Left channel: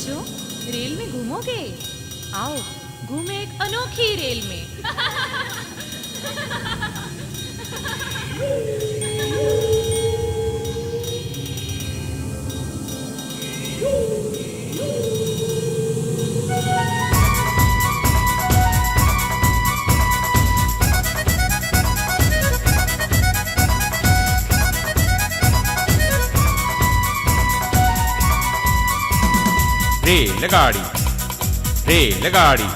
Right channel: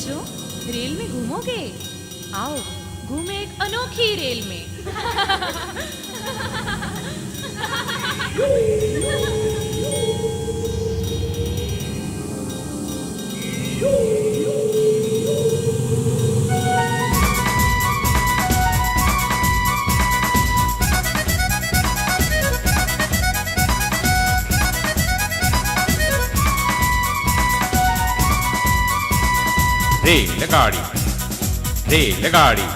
बच्चों, रेल में घूमोगे? आओ घूमे एक अनोखी रेल में। रेलगाड़ी रेलगाड़ी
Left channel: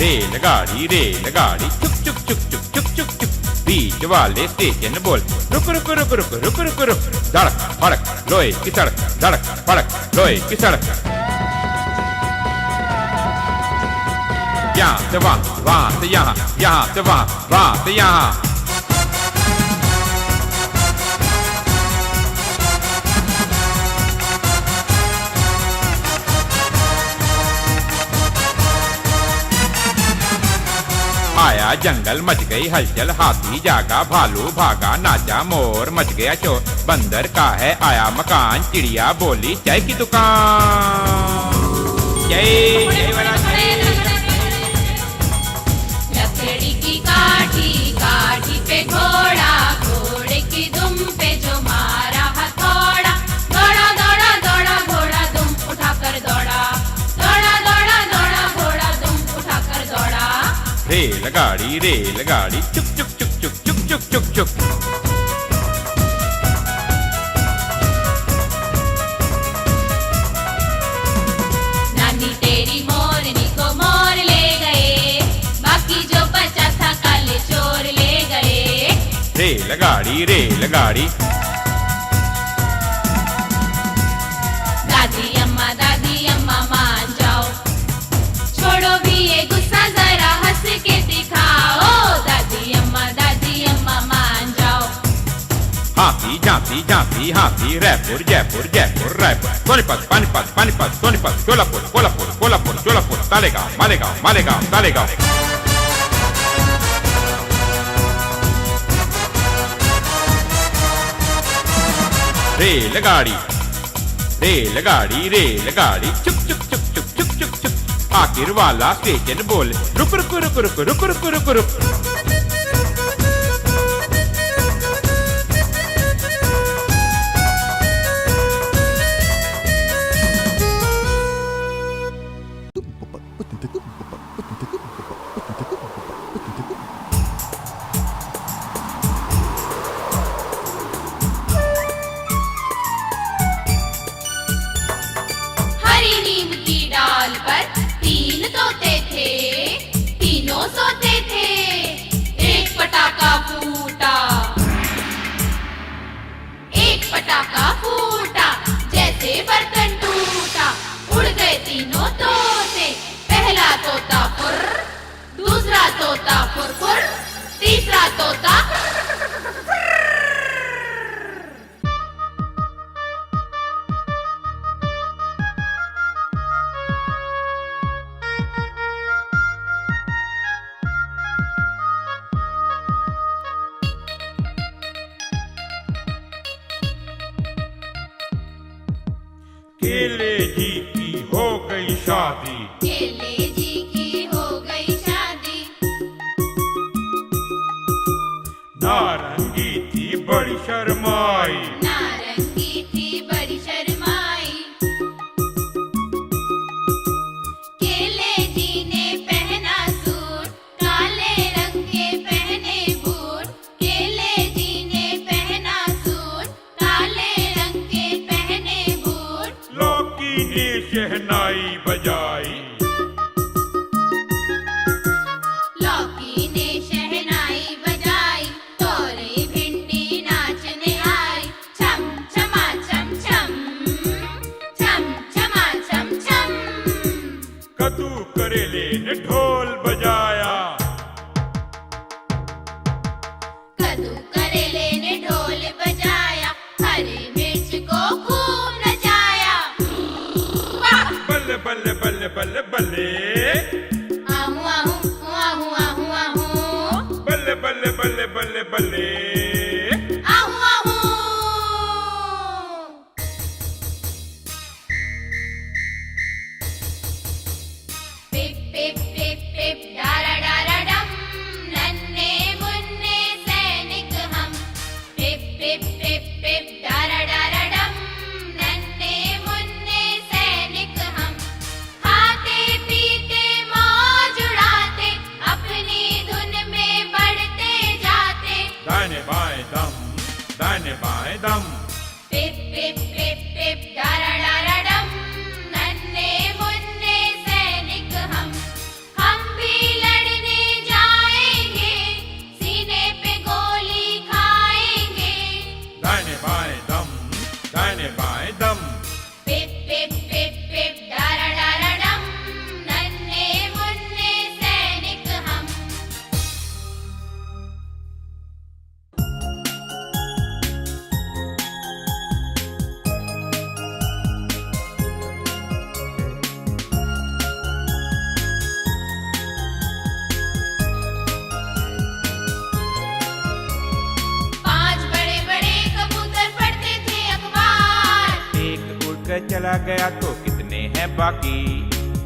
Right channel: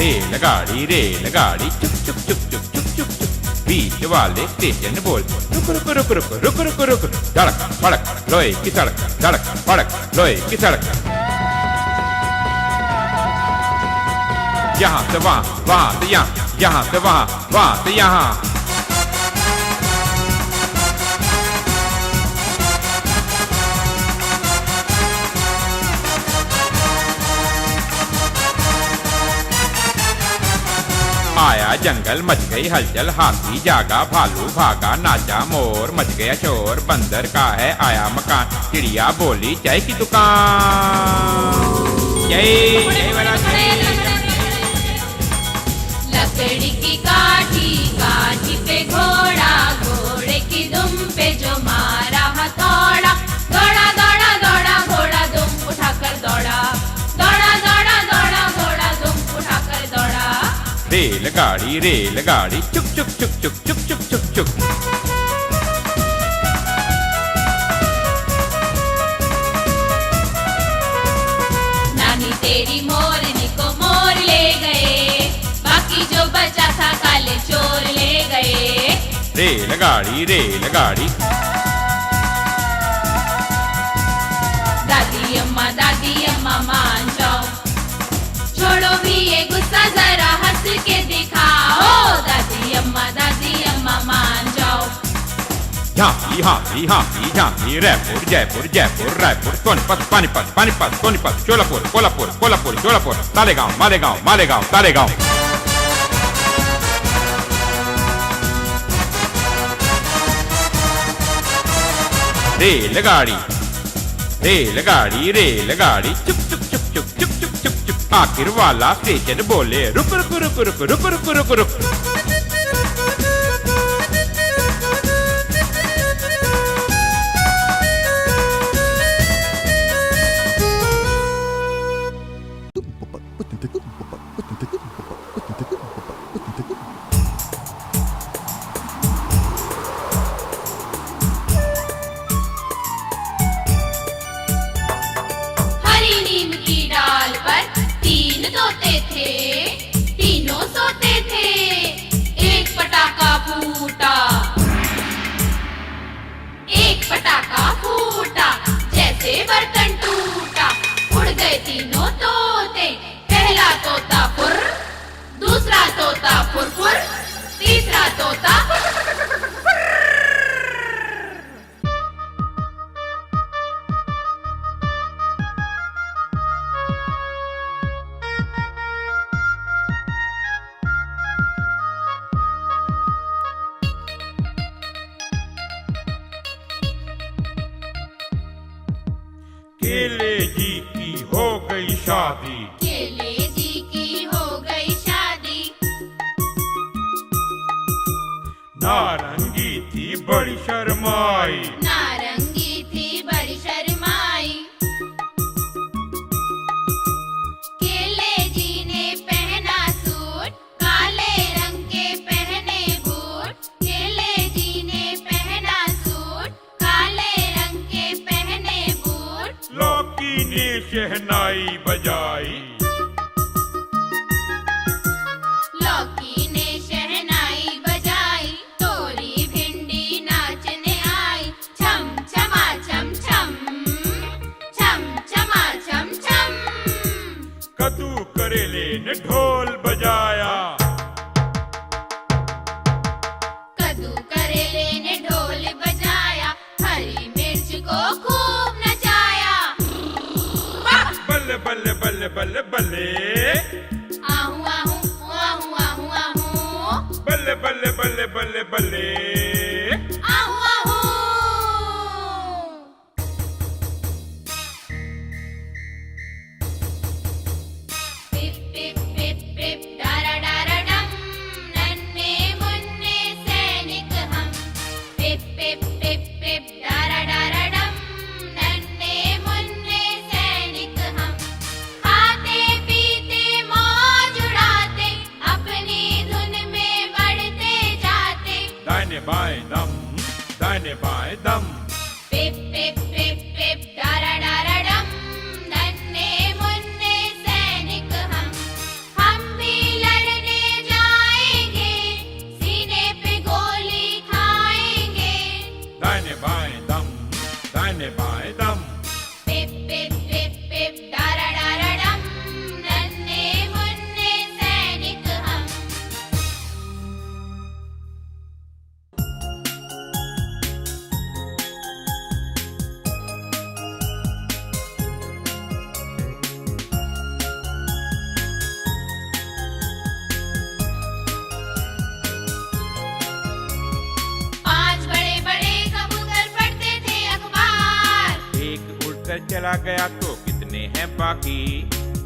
रेलगाड़ी रेलगाड़ी चुप चुप चुप चुप चुप चुप चुप बीच वाले स्टेशन बोल रुक रुक रुक रुक रुक रुक रुक रुक धड़क फड़क लोहे की सड़क धड़क फड़क लोहे की सड़क यहाँ से वहाँ वहाँ से यहाँ यहाँ से वहाँ वहाँ से यहाँ जंगल मच गई हलचल हाथी जागा भालू भागा नाचा मोर मच गया शोर बंदर का है आया मकान चिड़िया बोली जय की दुकान जय जय वाला लकड़ी की काठी काठी पे घोड़ा घोड़े की दुम पे जो मारा हथौड़ा दौड़ा दौड़ा दौड़ा घोड़ा दुम उठाकर दौड़ा दौड़ा दौड़ा दौड़ा घोड़ा दुम उठाकर दौड़ा रेलगाड़ी रेलगाड़ी चुप चुप चुप चुप चुप चुप चुप चुप नानी तेरी मोरनी को मोर ले गए बाकी जो बचा था काले चोर ले गए रेलगाड़ी रेलगाड़ी दादी अम्मा मान जाओ छोड़ो भी ये गुस्सा जरा हंस के दिखाओ दादी अम्मा मान जाओ हाथी हाथी हाथी हाथी रायपुर जयपुर जयपुर रायपुर सोनीपत पानीपत पानीपत सोनीपत जोलापुर कोल्हापुर कोल्हापुर जोलापुर मालेगांव मालेगांव मालेगांव मालेगांव रेलगाड़ी रेलगाड़ी रेलगाड़ी चुप चुप चुप चुप चुप चुप चुप चुप आखिर वाला स्टेशन बोले रुक रुक रुक रुक रुक रुक रुक रुक हरी नीम की डाल पर तीन तोते थे तीनों सोते थे एक पटाखा फूटा जैसे बर्तन टूटा उड़ गए तीनों तोते पहला तोता फुर दूसरा तोता फुर फुर तीसरा तोता केले जी की हो गई शादी केले जी की हो गई शादी नारंगी थी बड़ी शर्माई नारंगी थी बड़ी शर्माई केले जी ने पहना सूट काले रंग के पहने बूट केले जी ने पहना सूट काले रंग के पहने बूट लौकी ने शहनाई बजाई लौकी ने शहनाई बजाई तोरी भिंडी नाचने आई छम छमा छम छम छम छमा छम छम कद्दू करेले ने ढोल बजाया कद्दू करेले ने ढोल बजाया हरी मिर्च को खूब नचाया बल्ले बल्ले बल्ले बल्ले बल्ले आहू आहू आहू आहू आहू बल्ले बल्ले बल्ले बल्ले बल्ले आहू आहू चला गया तो कितने हैं बाकी,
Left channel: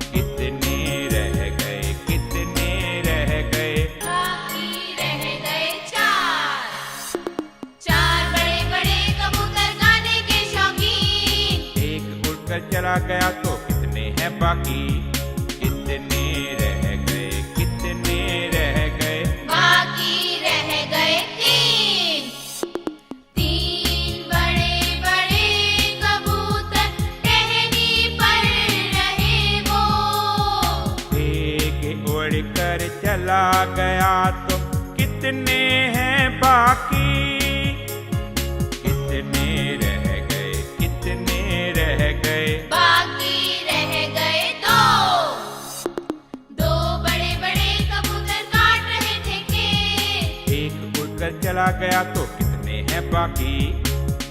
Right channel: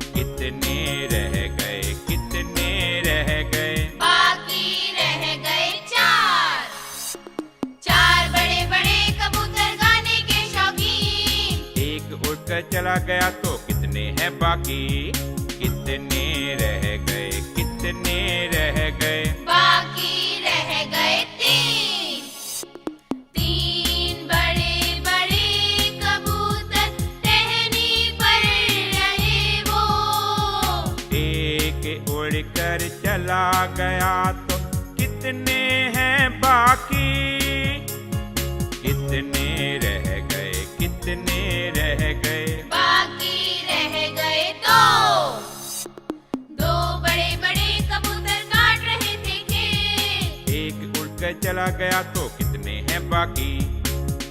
कितने रह गए, कितने रह गए। बाकी रह गए चार। चार बड़े बड़े कबूतर गाने के शौकीन। एक उड़कर चला गया तो कितने हैं बाकी, कितने रह गए, कितने रह गए। बाकी रह गए तीन। तीन बड़े बड़े कबूतर टहनी पर रहे वो। एक उड़कर चला गया तो कितने हैं बाकी, कितने रह गए, कितने रह गए। बाकी रह गए दो। दो बड़े बड़े कबूतर काट रहे थे खेत। एक उड़कर चला गया तो कितने हैं बाकी,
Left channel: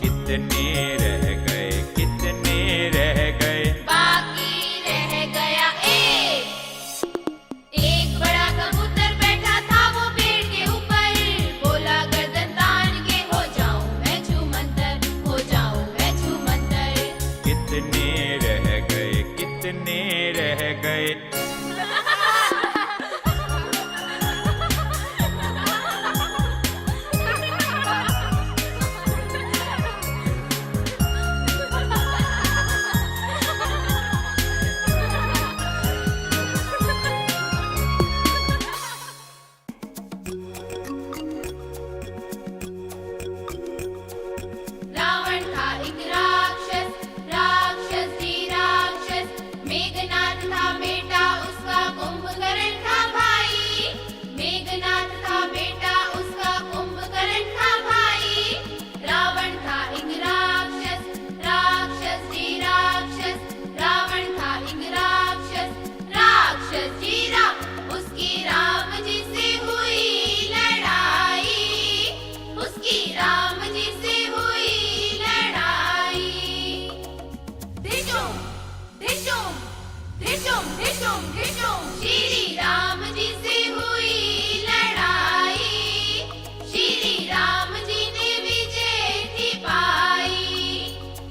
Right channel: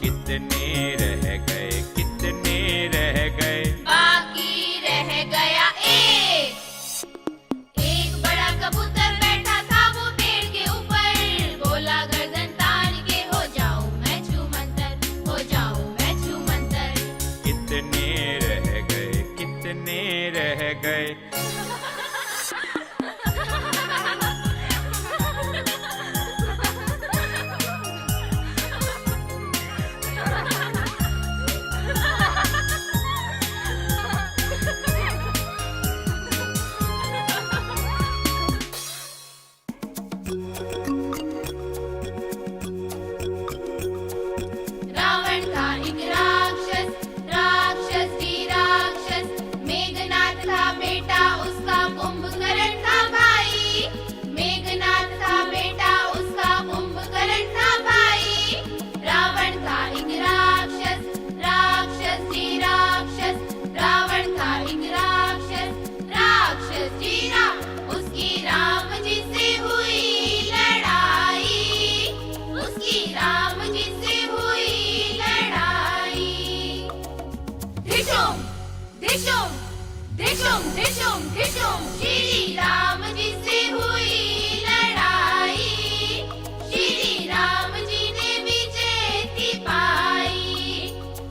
कितने रह गए, कितने रह गए। बाकी रह गया एक। एक बड़ा कबूतर बैठा था वो पेड़ के ऊपर। बोला गर्दन तान के हो जाऊं मैं छूमंतर, हो जाऊं मैं छूमंतर। कितने रह गए, कितने रह गए। रावण था एक राक्षस, राक्षस भी राक्षस। मेघनाथ था बेटा उसका, कुंभकर्ण था भाई। मेघनाथ था बेटा उसका, कुंभकर्ण था भाई। रावण था एक राक्षस, राक्षस जी राक्षस। रावण था एक राक्षस, राक्षस जी राम। उसकी राम जी से हुई लड़ाई, उसकी राम जी से हुई लड़ाई। धिशुम धिशुम धिशुम धिशुम धिशुम, श्री राम जी से हुई लड़ाई। श्री राम जी ने विजय थी पाई।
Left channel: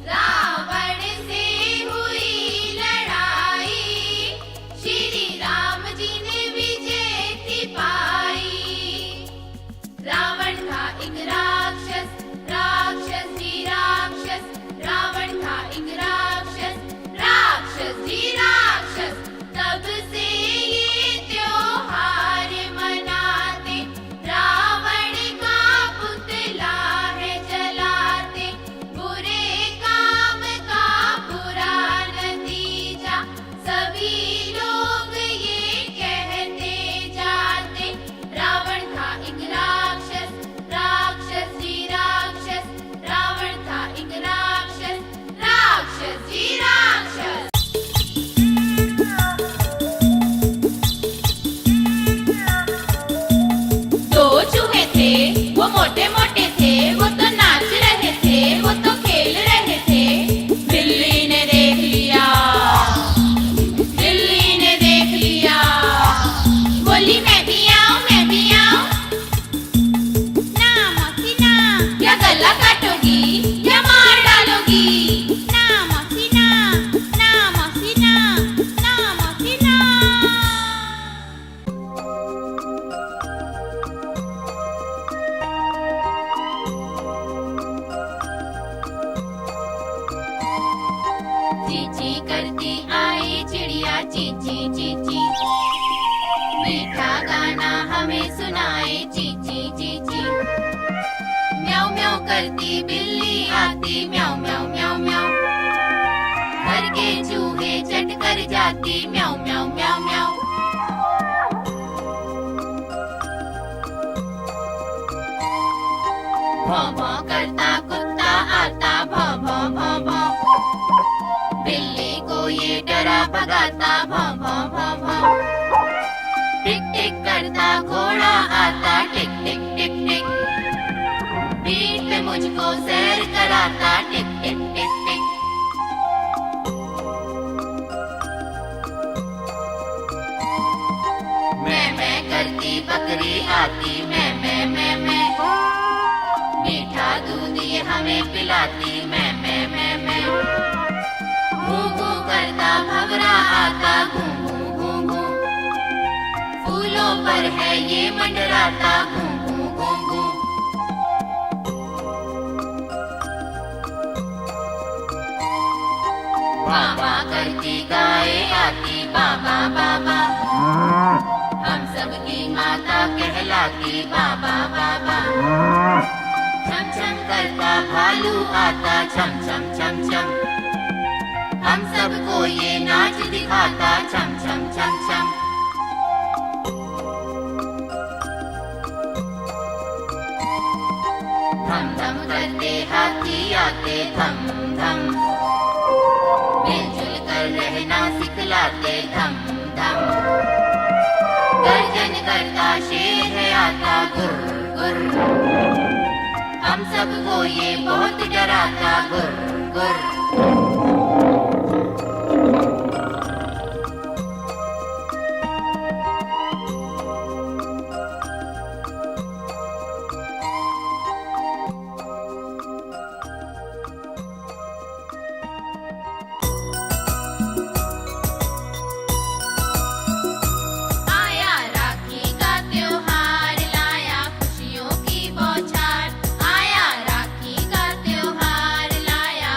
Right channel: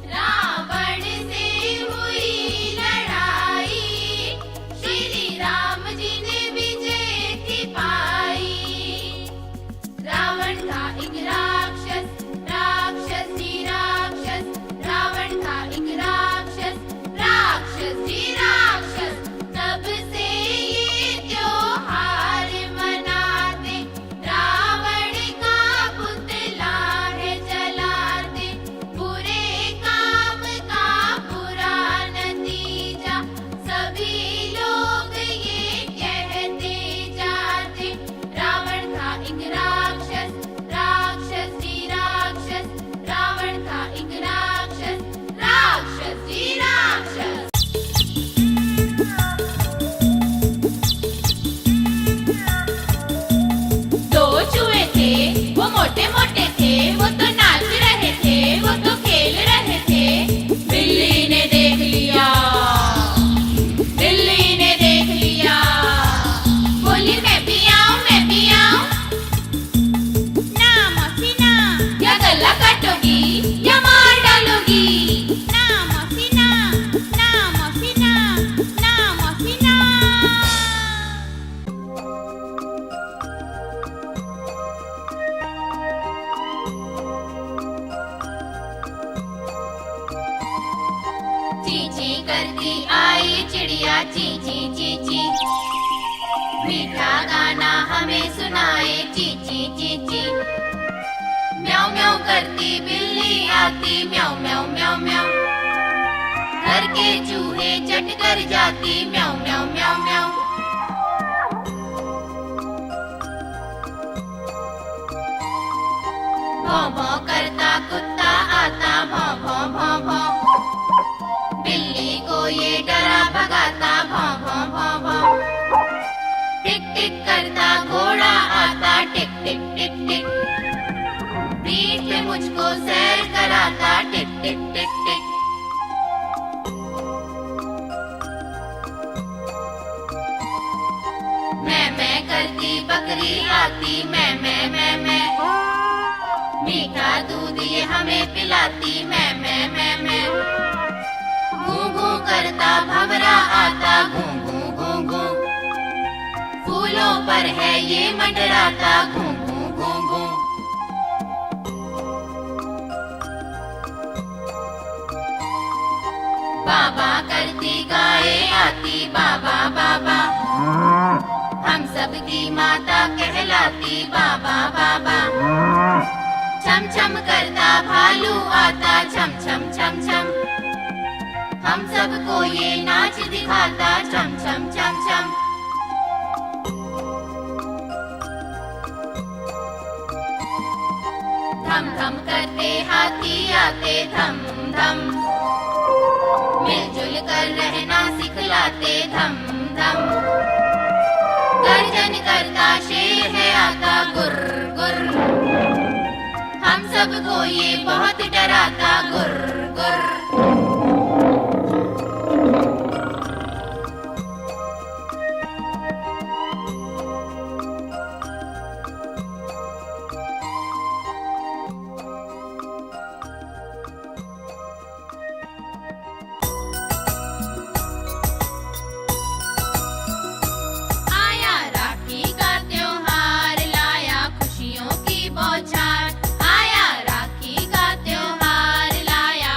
रावण से हुई लड़ाई। श्री राम जी ने विजय थी पाई। रावण था एक राक्षस, राक्षस जी राक्षस। रावण था एक राक्षस, राक्षस जी राक्षस। तब से ये त्योहार मनाते, रावण का पुतला है जलाते। बुरे काम का बुरा नतीजा सभी लोग ये कहते जाते। रावण था एक राक्षस, राक्षस जी राक्षस। रावण था एक राक्षस, राक्षस जी राक्षस। दो चूहे थे वो मोटे मोटे थे, वो तो नाच रहे थे, वो तो खेल रहे थे। बिल्ली ने देख लिया, बिल्ली ने देख लिया। बोली मैं भी आऊं, मैं भी आऊं। ना मौसी ना, क्या गला काटोगी, क्या मार डालोगी। ना मौसी ना, ना मौसी ना, ना मौसी ना। चींची करती आई चिड़िया, चींची चींची। मीठा गाना हमें सुनाए, चींची चींची। म्याऊं म्याऊं करती बिल्ली आती, म्याऊं म्याऊं म्याऊं म्याऊं। घर के चूहे चट कर जाती, म्याऊं म्याऊं म्याऊं म्याऊं। भौं भौं करता कुत्ता आता, भौं भौं भौं भौं। बिल्ली को ये डरा भगाता, भौं भौं भौं भौं। टिक टिक करता घोड़ा आता, टिक टिक टिक टिक। पीठ पे मुझको सैर कराता, टिक टिक टिक टिक। मैं करती बकरी आती, मैं मीठा दूध ये हमें पिलाती, मैं ये मंडराता घूं घूं घूं घूं। बाबा करती गाए आती बाबा बाबा, हम सबकी माता कहलाती बाबा बाबा। छम छम करता भालू आता छम छम छम छम, हम सबको ये नाच दिखाता छम छम छम छम। धम धम करते हाथी आते धम धम, मिलजुल कर रहना सिखलाते धम धम। गर्जन करता शेर है आता गुर गुर, हम सबको ये बहुत डराता गुर गुर। आया राखी का त्योहार लाया खुशियों की बौछार, आया राखी का त्योहार लाया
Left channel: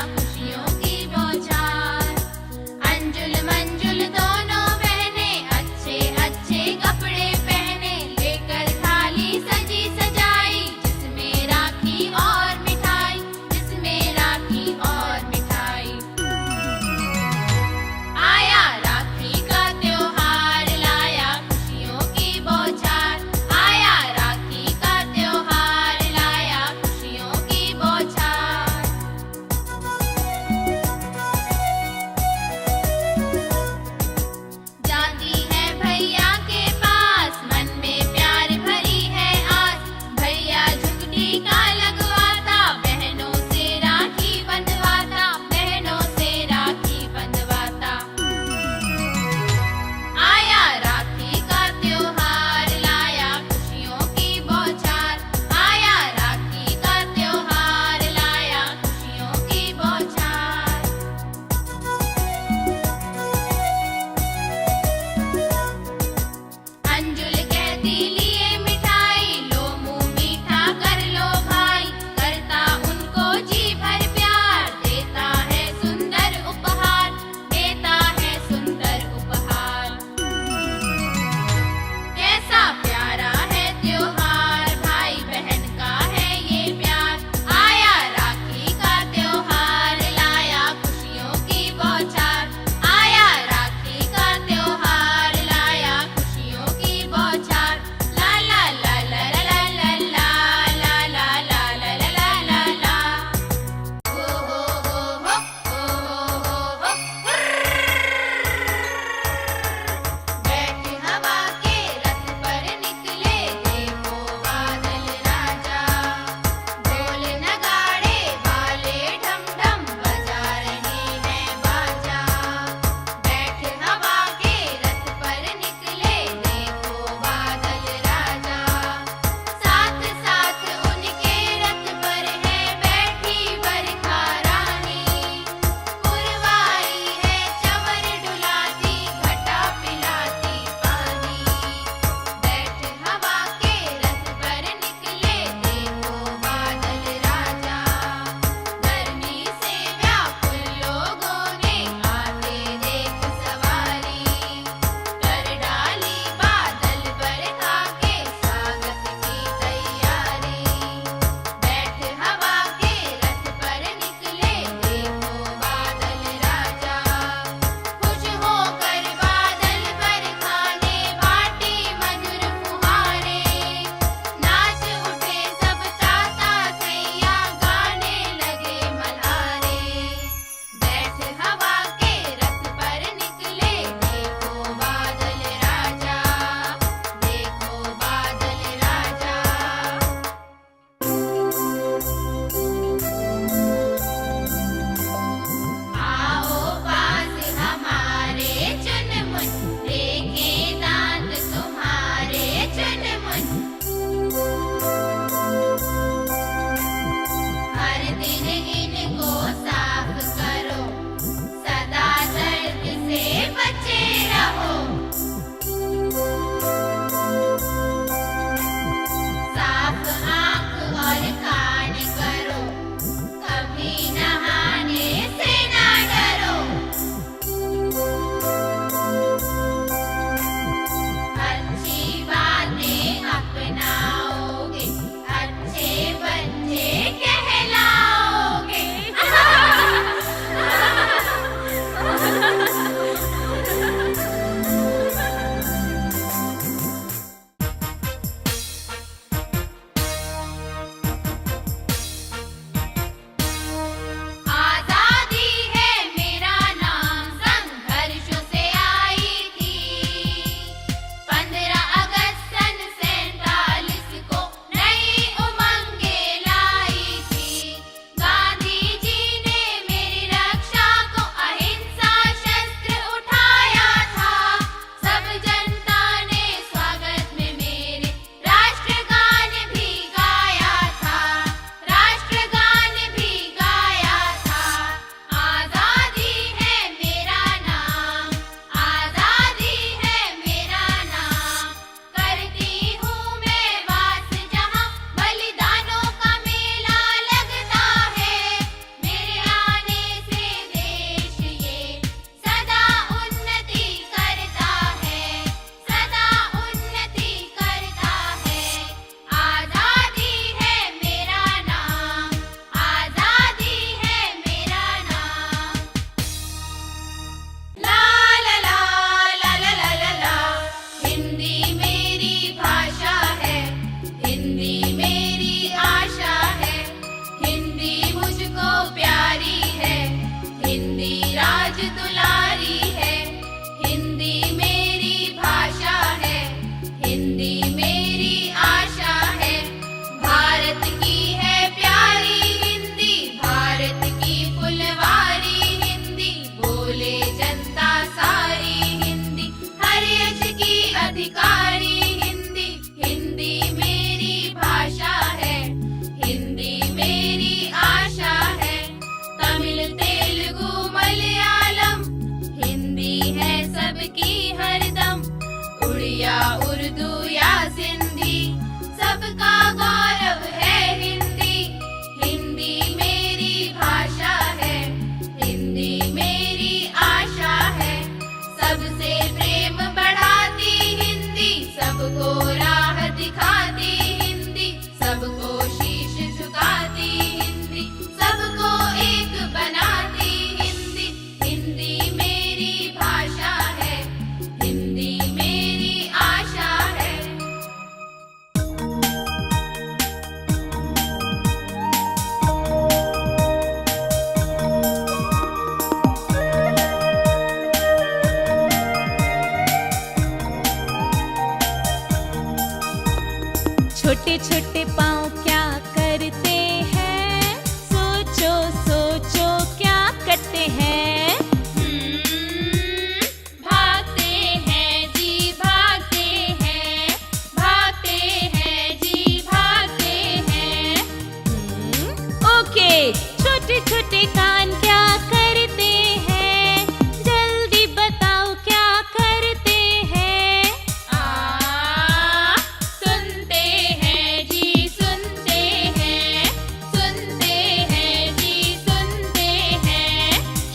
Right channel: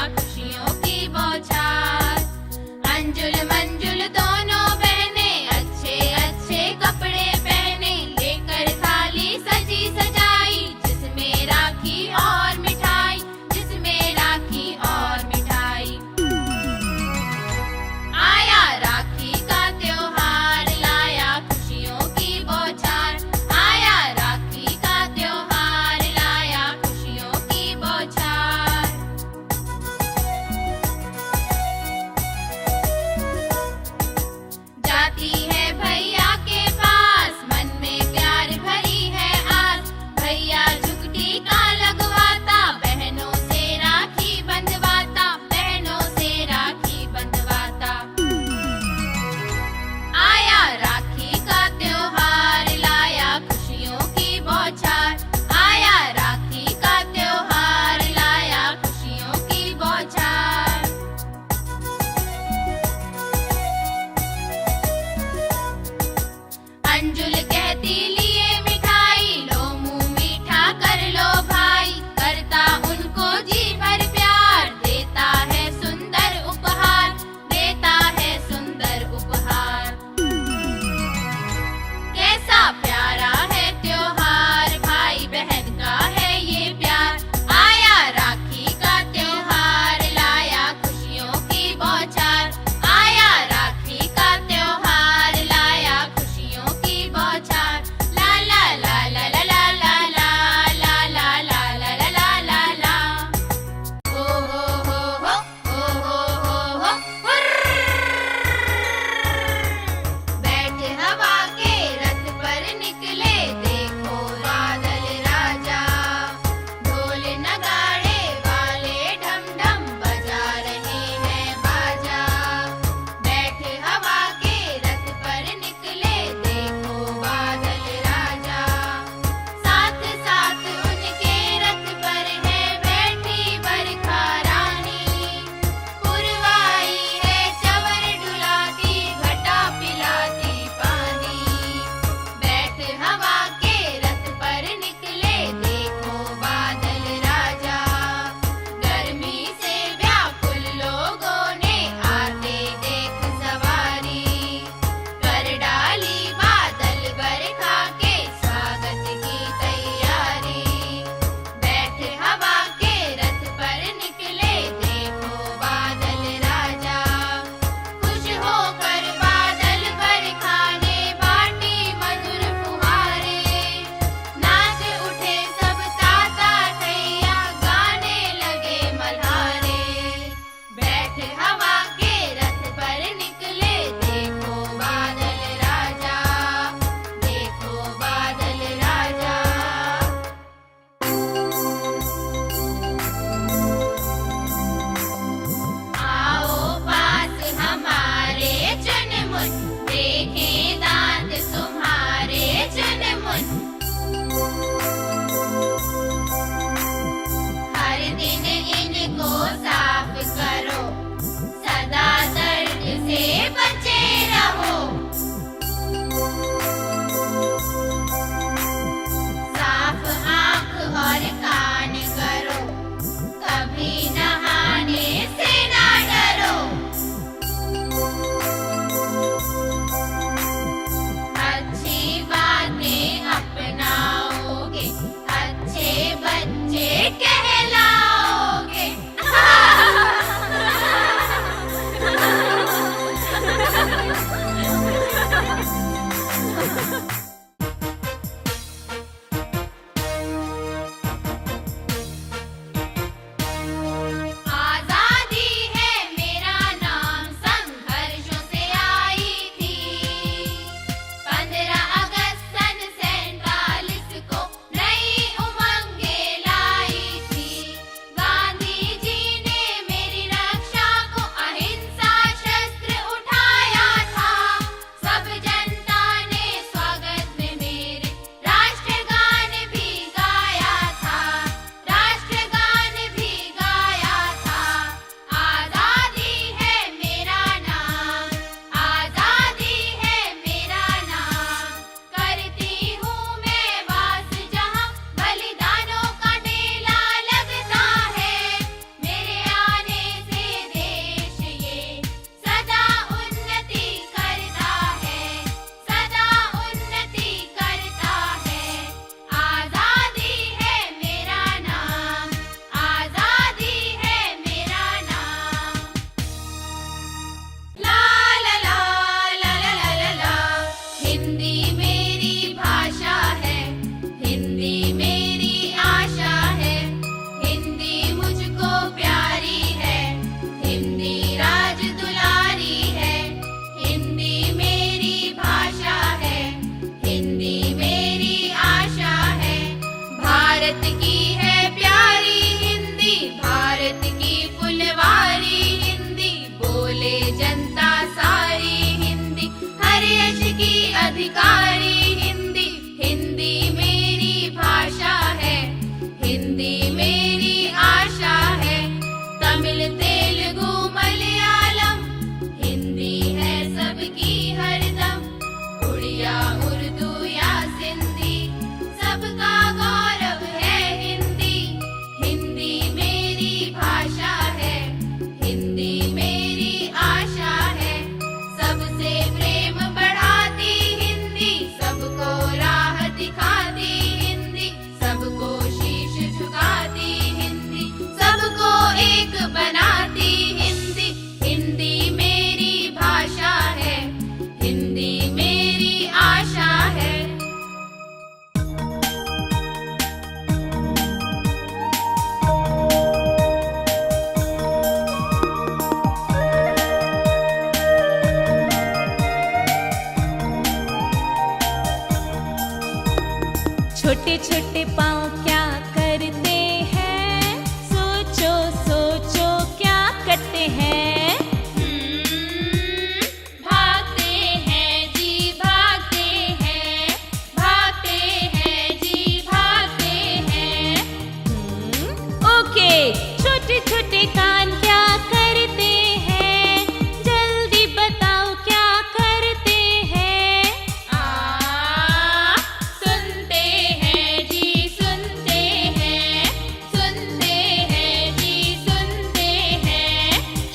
छोटे छोटे पाँव क्या करते हैं? सोचो सोचो क्या करते हैं? भागते हैं जी भागते हैं, भागते हैं जी भागते हैं। ओके, छोटे छोटे कान क्या करते हैं? जल्दी बताओ क्या करते हैं? सुनते हैं जी सुनते हैं, सुनते हैं जी सुनते हैं।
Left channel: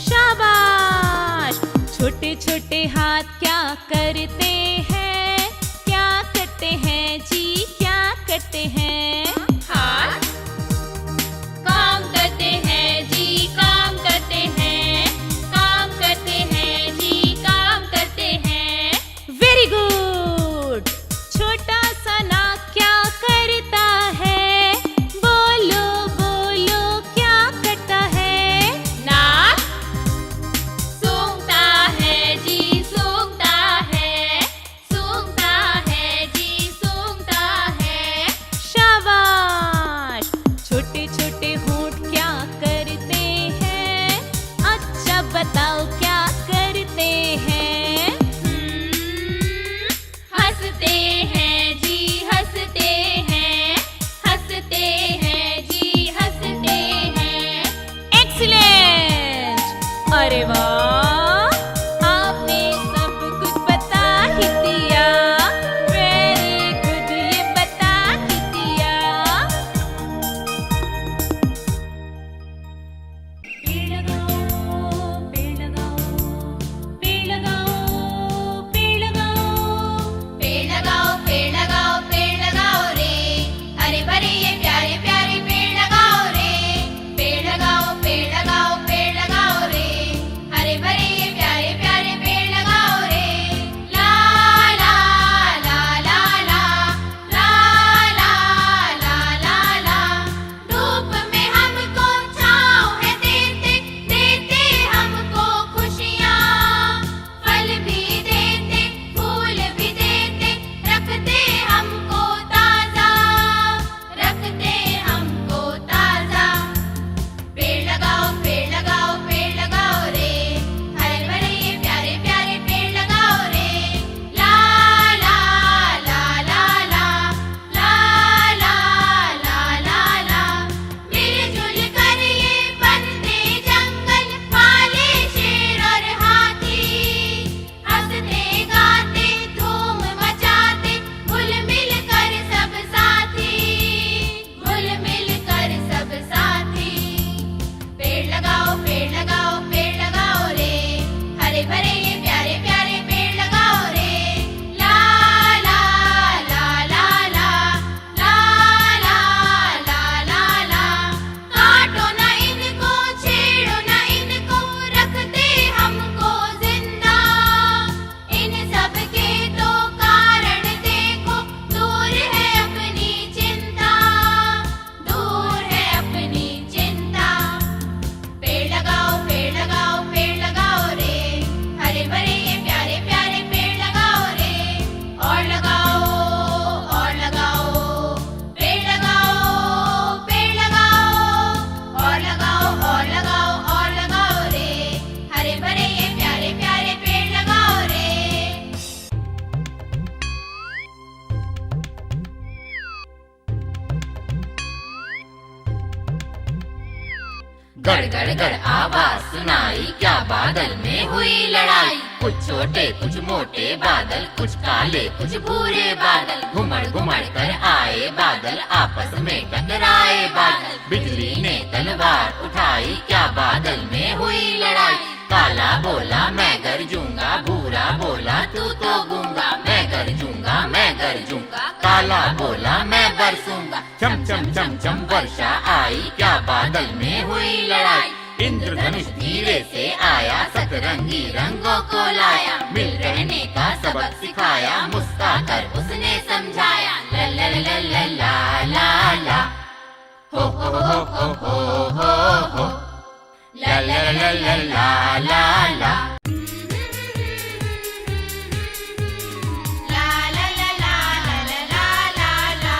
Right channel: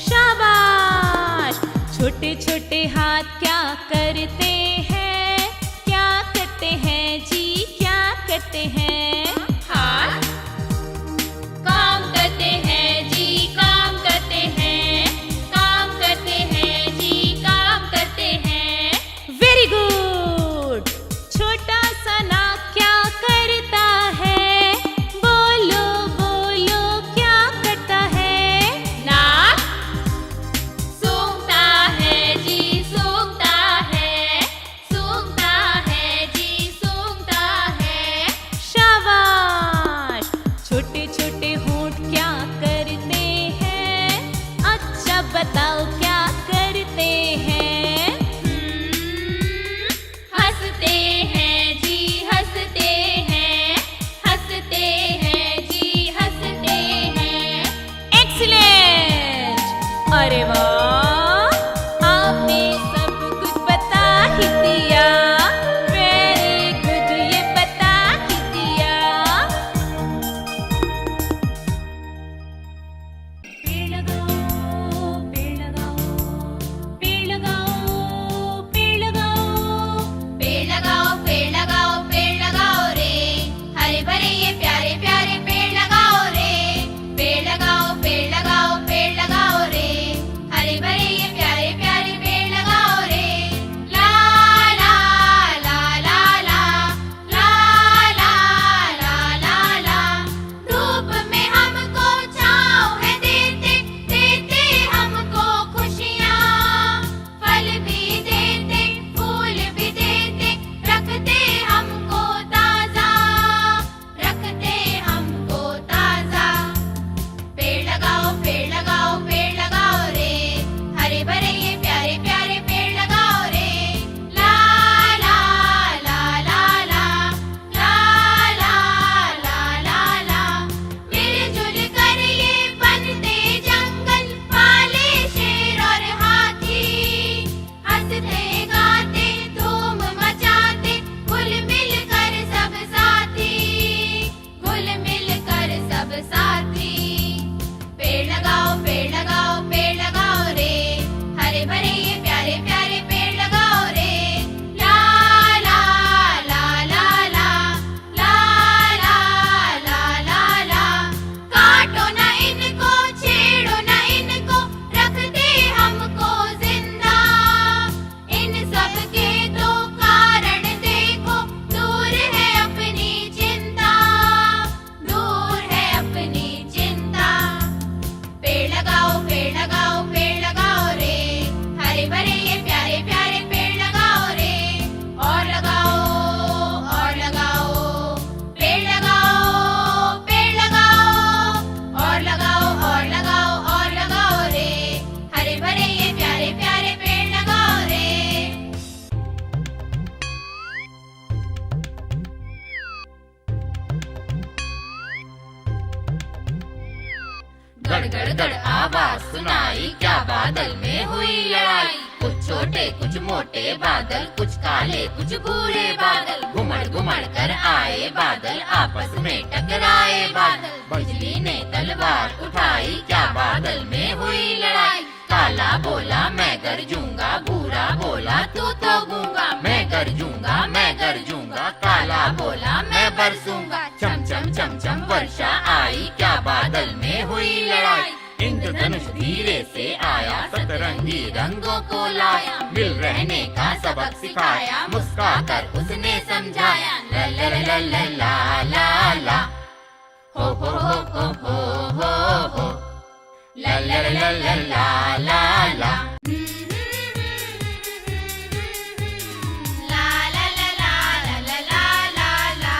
शाबाश! छोटे छोटे हाथ क्या करते हैं? क्या करते हैं जी? क्या करते हैं? हाथ काम करते हैं जी काम करते हैं, काम करते हैं जी काम करते हैं। Very good! छोटा सा नाक क्या करता है? बोलो बोलो क्या करता है? नाक सूंघता है जी सूंघता है, सूंघता है जी सूंघता है। शाबाश! छोटे छोटे होंठ क्या करते हैं? अच्छा बताओ क्या करते हैं? हंसते हैं जी हंसते हैं, हंसते हैं जी हंसते हैं। एक्सीलेंट! अरे वाह! आपने सब कुछ बता ही दिया। वेरी गुड, ये बता ही दिया। पेड़ लगाओ, पेड़ लगाओ, पेड़ लगाओ, पेड़ लगाओ। पेड़ लगाओ पेड़ लगाओ पेड़ लगाओ रे, हरे भरे ये प्यारे प्यारे पेड़ लगाओ रे। पेड़ लगाओ पेड़ लगाओ पेड़ लगाओ रे, हरे भरे ये प्यारे प्यारे पेड़ लगाओ रे। ला ला ला ला ला, ला ला ला ला ला। धूप में हमको छाँव है देते, देते हमको खुशियाँ। फल भी देते फूल भी देते, रखते हमको ताजा, रखते हमको ताजा। पेड़ लगाओ पेड़ लगाओ पेड़ लगाओ रे, हरे भरे ये प्यारे प्यारे पेड़ लगाओ रे। ला ला ला ला ला, ला ला ला ला ला। मिलजुल कर ये बनते जंगल, पाले शेर और हाथी। हंसते गाते धूम मचाते, घुल मिल कर सब साथी, घुल मिल कर सब साथी। पेड़ लगाओ पेड़ लगाओ पेड़ लगाओ रे, हरे भरे ये प्यारे प्यारे पेड़ लगाओ रे। ला ला ला ला ला, ला ला ला ला ला। काटो ना इनको छेड़ो ना इनको, रखते हमको जिंदा। इन सब के तो कारण देखो, दूर है अपनी चिंता, दूर है अपनी चिंता। पेड़ लगाओ पेड़ लगाओ पेड़ लगाओ रे, हरे भरे ये प्यारे प्यारे पेड़ लगाओ रे। और लगाओ पेड़ लगाओ पेड़ लगाओ, और लगाओ और लगाओ रे, हरे भरे ये प्यारे प्यारे पेड़ लगाओ रे। गड़ गड़ गड़ आवाज सुनाई, क्या बादल में हुई लड़ाई। कुछ छोटे कुछ मोटे बादल, कुछ काले कुछ भूरे बादल। घुमड़ घुमड़ कर आए बादल, आपस में टकराए बादल। बिजली ने तलवार उठाई, क्या बादल में हुई लड़ाई। काला बोला मैं गरजूंगा, भूरा बोला तू तो गूंगा। मैं गरजूंगा मैं गरजूंगा, काला बोला मैं बरसूंगा। चम चम चम चम वर्षा आई, क्या बादल में हुई लड़ाई। इंद्रधनुष धीरे से आया, सतरंगी रंगों को लाया। मिल रहने का सबक सिखाया, मुस्कुरा कर उसने समझाया। ला ला ला ला ला ला ला, हो हो हो हो हो हो। ला ला ला ला ला ला ला। ला ला ला ला ला ला ला ला।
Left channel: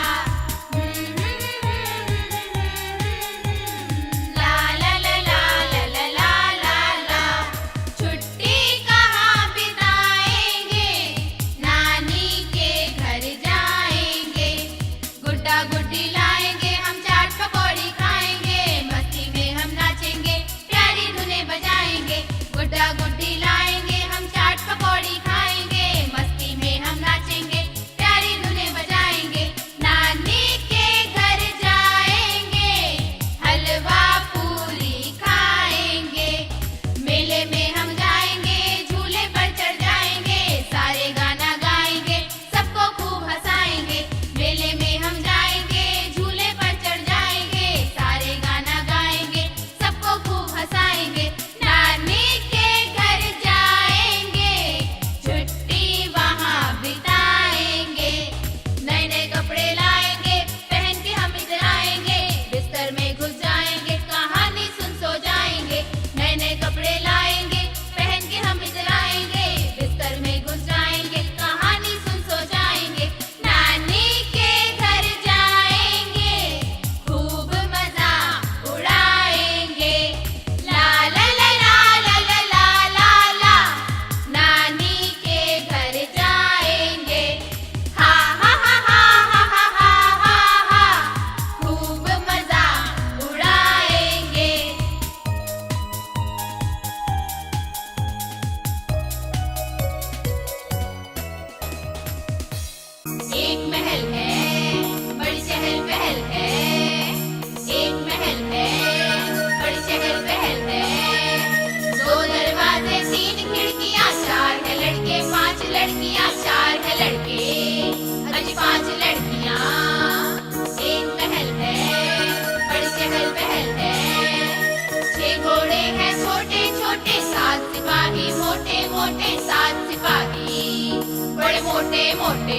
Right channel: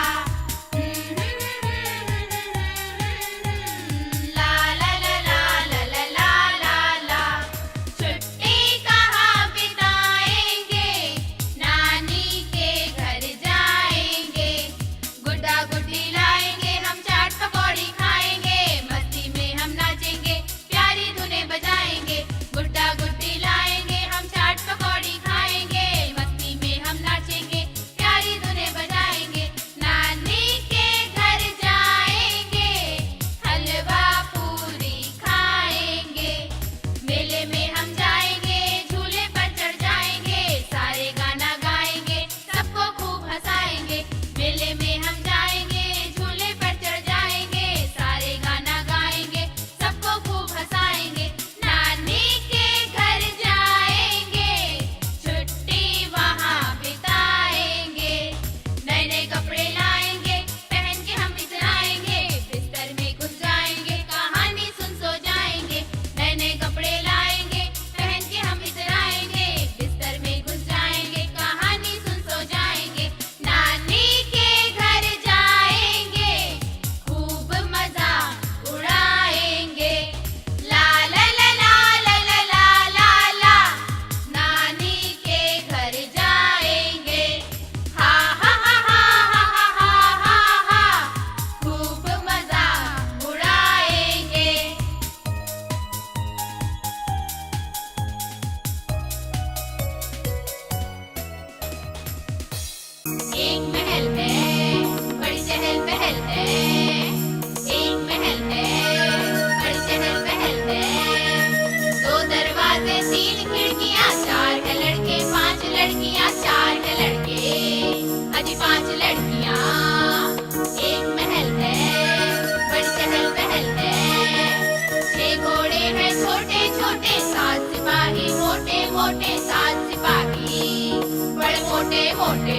मोटे,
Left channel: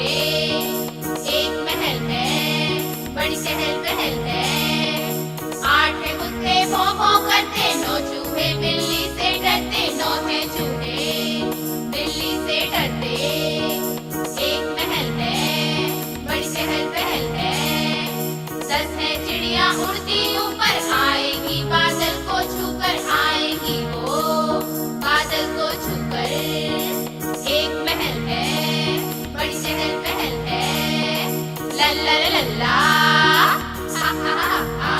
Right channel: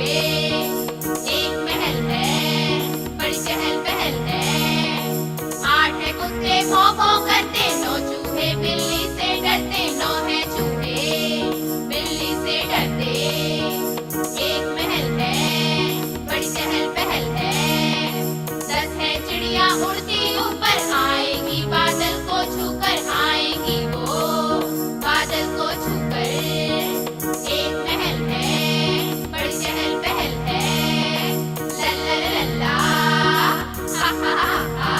एक महल है, बड़ी चहल पहल है। 8 है कुत्ते भौ भौ करते, 9 चूहे बिल्ली से डरते, 9 है चूहे बिल्ली से डरते। एक महल है, बड़ी चहल पहल है। 10 है चिड़िया उड़ती ऊपर, आएंगी बादल को छूकर, आएंगी वो बादल को छूकर। एक महल है, बड़ी चहल पहल है। लल्ला लल्ला हा हा हा हा।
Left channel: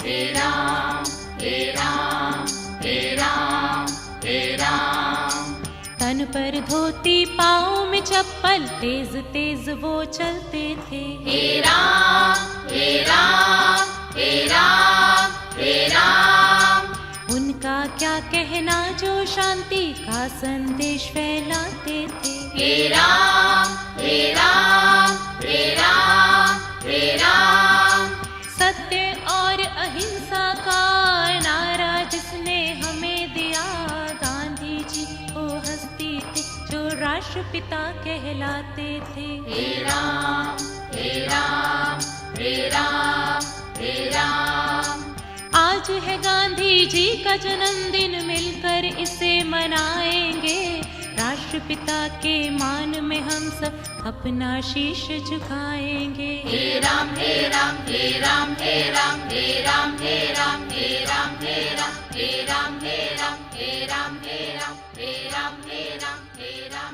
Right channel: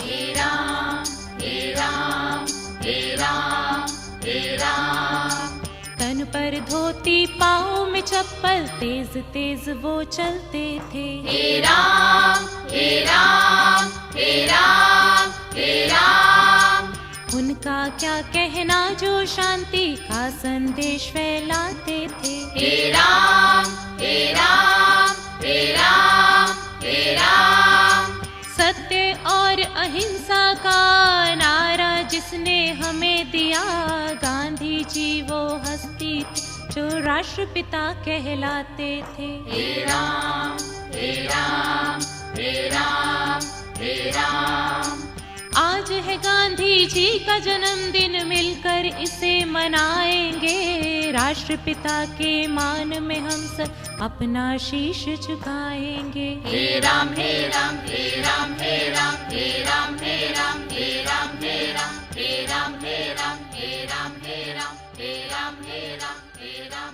हे राम हे राम हे राम हे राम। तन पर धोती पाँव में चप्पल, तेज तेज वो चलते थे। हे राम हे राम हे राम हे राम। उनका क्या कहना जो शांति का संदेश फैलाते थे। हे राम हे राम हे राम हे राम। सत्य और अहिंसा का नारा जिसने हमें दिया, गांधी जी वो हस्ती थे जो राष्ट्रपिता कहलाते थे। हे राम हे राम हे राम हे राम। आज है गांधी जी का जन्मदिन, मिलकर इसे मनाएंगे। राष्ट्रपिता के मान में हम सब अपना शीश झुकाएंगे। हे राम हे राम हे राम हे राम हे राम हे राम हे राम हे राम हे राम हे राम हे राम हे राम हे राम हे राम हे राम।